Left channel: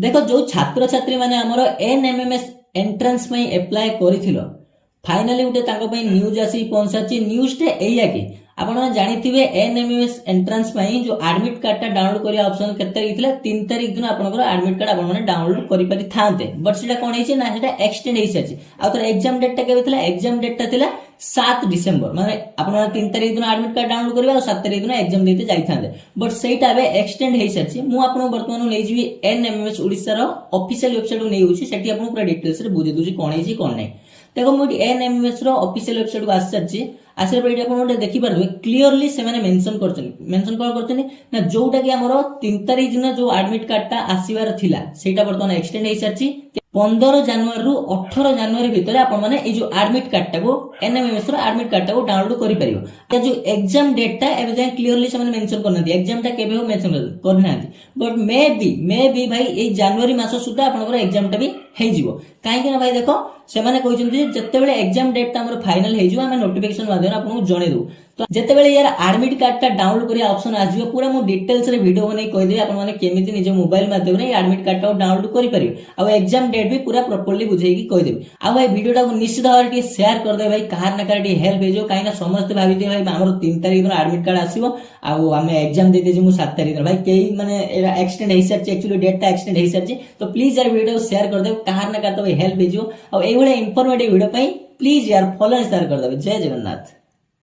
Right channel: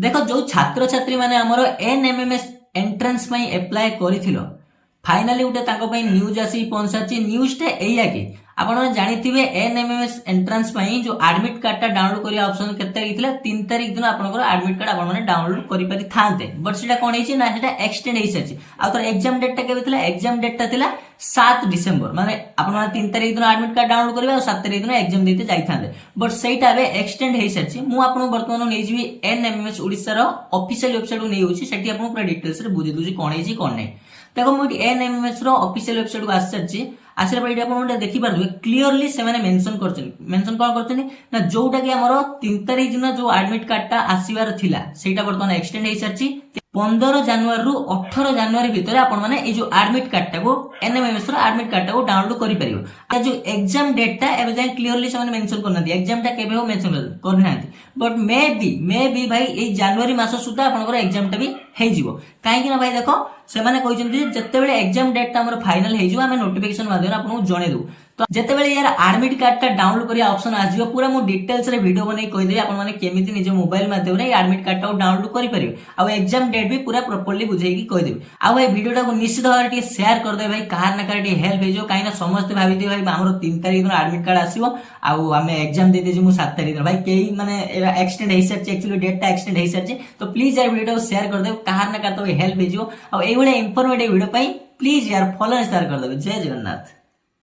देखो जो छात्र छात्री माने हमरो एनएमएमएस एंट्रेंस पई अप्लाई करिथिलो फाइनली उठे तांको पई न्यूज आसी पहुंचाची न्यूज टे एया कि आपण माने जानिथिबे एनएमएमएस एंट्रेंस पई जो एडमिट कार्ड ता डाउनलोड करिया ऑप्शन केते तारिख थिला 3 तारिख दिन आपनकर एडमिट कार्ड आपण माने डाउनलोड करि पारि थांते बट सेटा कोन हेछि ना सेटा एक्सटेंड हेइ साची आ तर एग्जाम डेट ता केबे थिला एग्जाम डेट ता थिला 7 डिसेंबर माने आपण माने 3 तारिख दिन एडमिट कार्ड डाउनलोड करबे आ 7 तारिख दिन एग्जाम देते जाई थांते बट सेटा बे एक्सटेंड हेइ साची मु आपन वर्तमान नै जिवि एनएमएमएस ओडिसा रो ऑफिशियल वेबसाइट को नै होछि सेठी आपन पूरा डिटेल्स रे बुझि दुजी कोन हेछि कोन नै देखो मुझे एनएमएमएस रो ऑफिशियल वेबसाइट को आसी आसरे पर आपण देखि पारबे क्लियरली से माने मेंशन कोन करछन ना जोटा कि हमरो 3 तारिख दिन जो एडमिट कार्ड ता आसीबार थिला सेटा वर्तमान एक्सटेंड हेइ साची 15 जनवरी रु 18 जनवरी भितर आपण माने ए जो एडमिट कार्ड ता को एनएमएमएस रो एडमिट कार्ड ता को डाउनलोड करि परिबो ए जो एग्जाम डेट ता एबे जाय क्लियरली से माने मेंशन करनांती एग्जाम ता केबे हो मेंशन करनांती बट मे बी भाई ए जनवरी मास सुधा आपनकर एग्जाम ता भी हेइ जिवो काहे कि ना भाई देखो से माने कहउछन जे जत्तेबेले एग्जाम डेट ता हमर फाइनल हेइ जिवो हमें नोटिफिकेशन माध्यम आपन जणे दउ तो जत्तेबेले यार एडमिट कार्ड ता डाउनलोड करिया ऑप्शन आ जिवो पूरा मु डिटेल्स रे वीडियो बनै कहि दे आपन माने केमिति निज मोबाइल माध्यम रे एडमिट कार्ड ता डाउनलोड करि परिबे आ एग्जाम डेट भी पूरा प्रॉपर्ली बुझाई की कहि देबे आ भाई वीडियो टा को निश्चित भाव रे शेयर कर दे भाई कहार ना कहार हेल्प हे जो काई ना समस्त भाबी दे भाई हमर 3 तारिख दिन एडमिट कार्ड आसीबो आ हमें एग्जाम दे दे जे मु 7 तारिख दिन भाई केई माने एक्सटेंड हेइ सरचे एक्चुअली डेट टा एक्सटेंड हेइ सरचे तो प्लीज यार वीडियो शेयर कर दे कहार ना कहार तो हेल्प हे जो आ एई बडे इंफॉर्मेटिव वीडियो पई प्लीज यार फॉलो शेयर कर दे जय जगन्नाथ।